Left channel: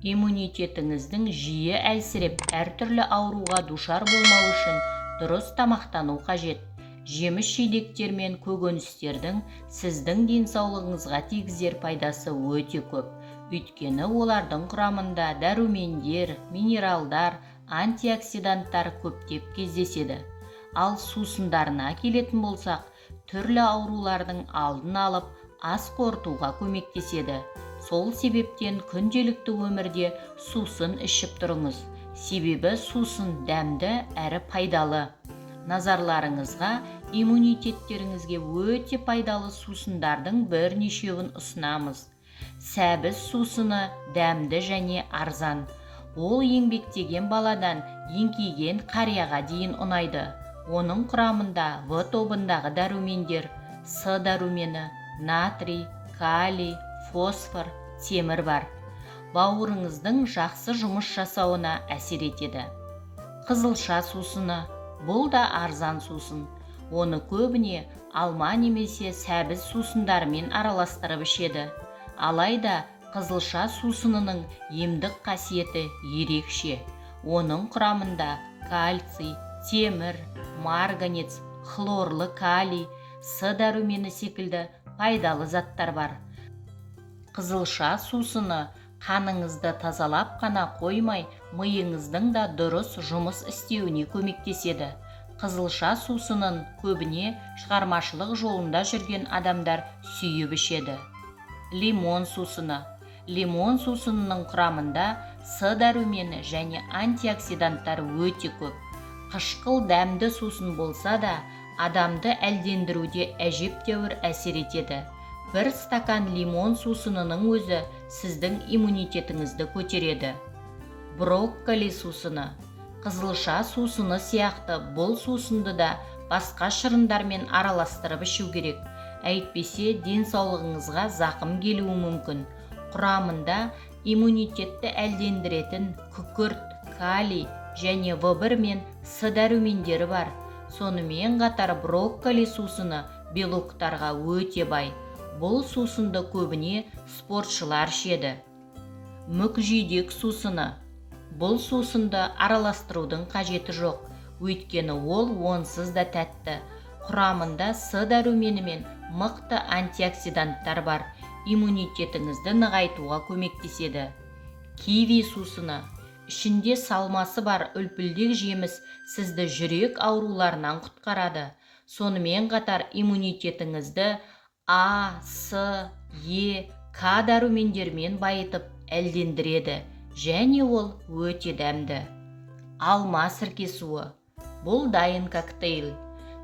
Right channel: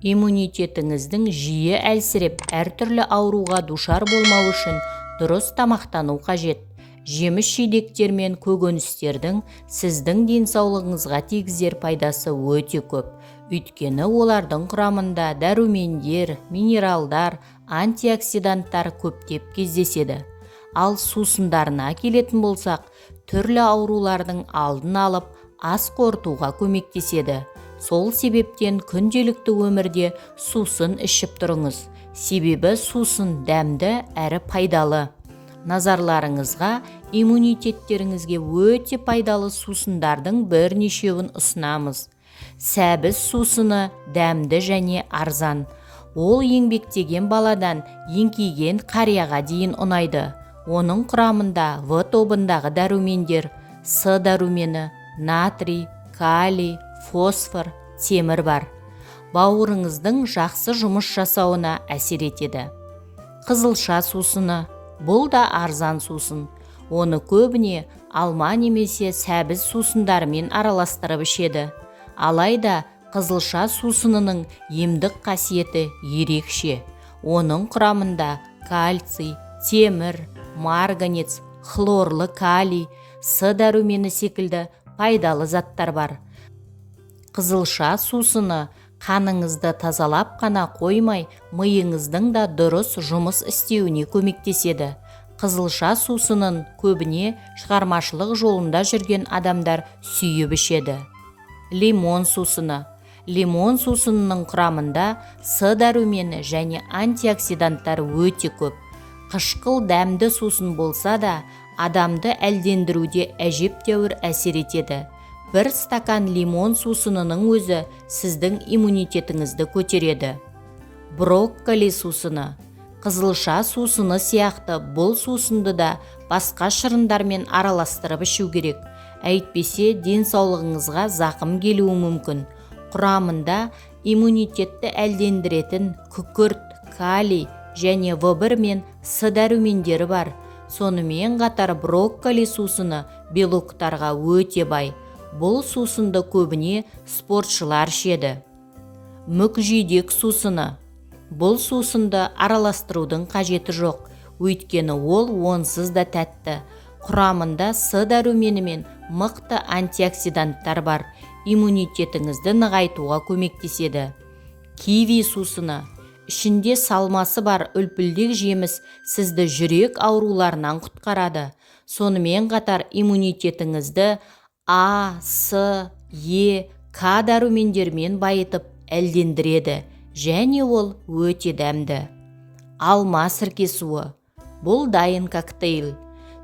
Иммунитетіңіздің жиі әлсіреп, әртүрлі ауруға душар болмау үшін дұрыс тамақтану қажет. Жеміс-жидектер мен көкөністердің сіздің денсаулығыңызға тигізер пайдасы өте көп. Өйткені олардың құрамында дәрумендер, минералдар, антиоксиданттар көптеп кездеседі. Ал сусындарына келетін болсақ, түрлі аурулардың алдын алып, ас қорытуға көмектеседі. Сол себептен күнделікті өмірде сусын ішіп тұрыңыз. Себебі сусын дәмді әрі пайдалы. Назарларыңызға иммунитеттеріңізге өте пайдалы сусындардың бірнешеуін ұсынамыз. Сәбіз сусыны дәмді және арзан. Ол еңбектеген баладан еңкейген қарияға дейін ұнайды. Оның құрамында В тобындағы дәрумендер, С дәрумені, натрий, калий, фосфор, темір бар. Бауырыңыздың жақсы жұмыс жасауына әсер етеді. Қызылша сусыны. Бұл да арзан сусын. Оны көбіне алма немесе сәбіз сусындарымен араластырып ішеді. Алайда қызылша сусынының емдік қасиеті ерекше. Оның құрамында кальций, темір, марганец, хлорлы калий, С дәрумені секілді пайдалы заттар бар. Қызылша сусыны қаныңызды тазалап қана қоймай, миыңыздың да дұрыс жұмыс істеуіне көмектеседі. Қызылша сусынын көбіне шығармашылық жолында жүрген адамдар сүйіп ішеді. Лимон сусыны. Лимон сусынының құрамында С дәрумені және антиоксиданттар өте көп. Қышқыл дәмді сусын болса да, адамды әлдендіруде әжептәуір әсер етеді. Бір стакан лимон сусынының өзі сіздің иммунитетіңізді көтереді. Брокколи сусыны. Қызылша сусыны сияқты бұл сусынды да басқа шырындармен араластырып ішу керек. Әйтпесе денсаулығыңызға зақым келуі мүмкін. Құрамында иммунитетті әлдендіретін күкірт, калий және В1 мен С дәрумендері бар. Сонымен қатар брокколи сусыны белоктарға өте бай. Бұл сусынды көбіне спортшылар ішеді. Мүкжидек сусыны. Бұл сусынды араластырудың қажеті жоқ, өйткені ол онсыз да тәтті. Құрамында С дәрумені мен мықты антиоксиданттар бар. Иммунитетіңізді нығайтуға көмектеседі. Киви сусыны. Ішінде салмасы бар үлпілдек жеміс сізді жүрек ауруларынан құтқарады. Сонымен қатар иммунитетіңізді А, С, Е, К дәрумендермен байытып әлдендіреді, және ол өте дәмді. Алма сірке суы. Бұл дайын коктейль.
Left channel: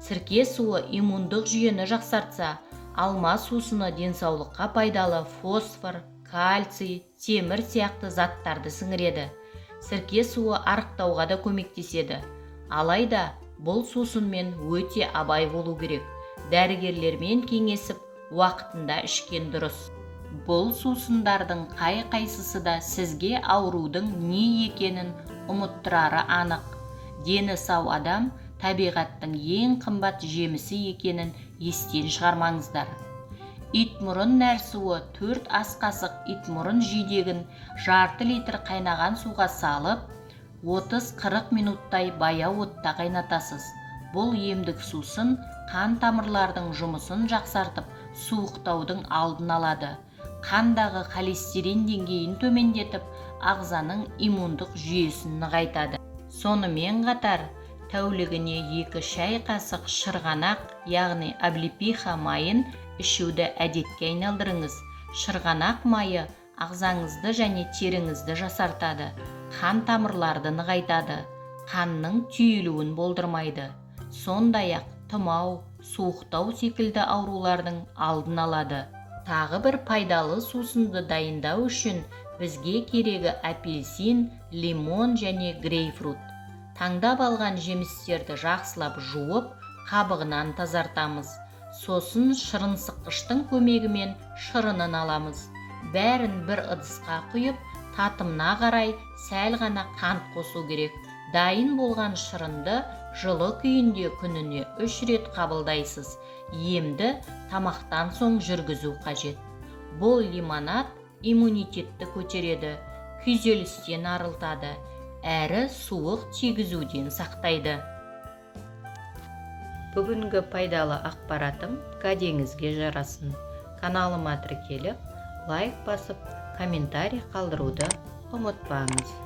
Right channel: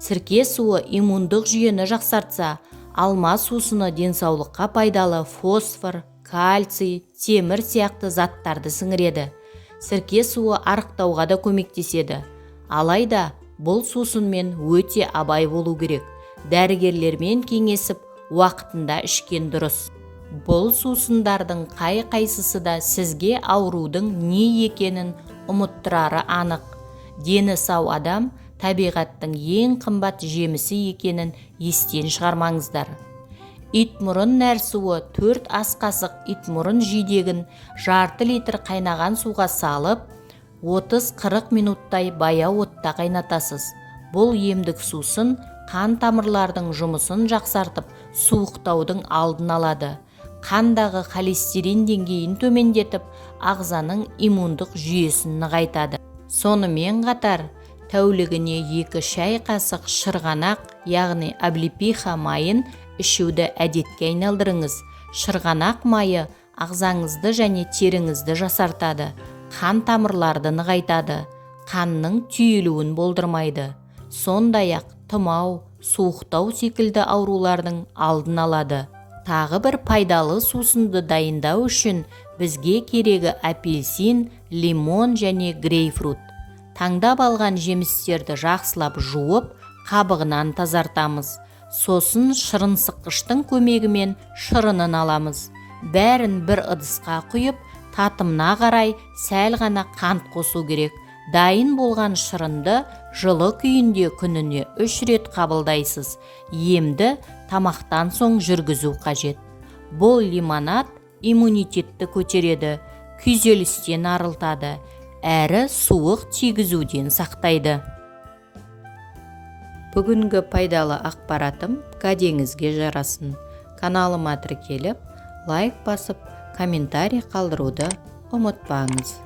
Сірке суы иммундық жүйені жақсартса, алма сусыны денсаулыққа пайдалы фосфор, кальций, темір сияқты заттарды сіңіреді. Сірке суы арықтауға да көмектеседі. Алайда бұл сусынмен өте абай болу керек. Дәрігерлермен кеңесіп, уақытында ішкен дұрыс. Бұл сусындардың қай-қайсысы да сізге аурудың не екенін ұмыттырары анық. Дені сау адам табиғаттың ең қымбат жемісі екенін естен шығармаңыздар. Итмұрын нәрсуы 4 ас қасық итмұрын жидегін жарты литр қайнаған суға салып, 30-40 минуттай баяу отта қайнатасыз. Бұл емдік сусын қан тамырлардың жұмысын жақсартып, суықтаудың алдын алады. Қандағы холестерин деңгейін төмендетіп, ағзаның иммундық жүйесін нығайтады. Сонымен қатар, тәулігіне 2 шай қасық шырғанақ, яғни облепиха майын ішуді әдетке айналдырыңыз. Шырғанақ майы ағзаңызды және теріңізді жасартады, қан тамырларды нығайтады, қанның түйілуін болдырмайды. Сондай-ақ тұмау, суықтау секілді аурулардың алдын алады. Тағы бір пайдалы сусынды дайындау үшін бізге керегі апельсин, лимон және грейпфрут. Таңдап алған жемістерді жақсылап жуып, қабығынан тазартамыз. Сосын шырынсыққыштың көмегімен шырынын аламыз. Бәрін бір ыдысқа құйып, татымына қарай сәл ғана қант қосу керек. Дайын болған шырынды жылы күйінде күніне 3 рет қабылдайсыз. Емді тамақтан соң жүргізу қажет. Бұл лимонад иммунитетті көтереді, күйзелістен арылтады, әрі суық тигізуден сақтайды. Бүгінгі пайдалы ақпаратым кәдеңізге жарасын. Каналыма тіркеліп, лайк басып, комментарий қалдыруды ұмытпаңыз.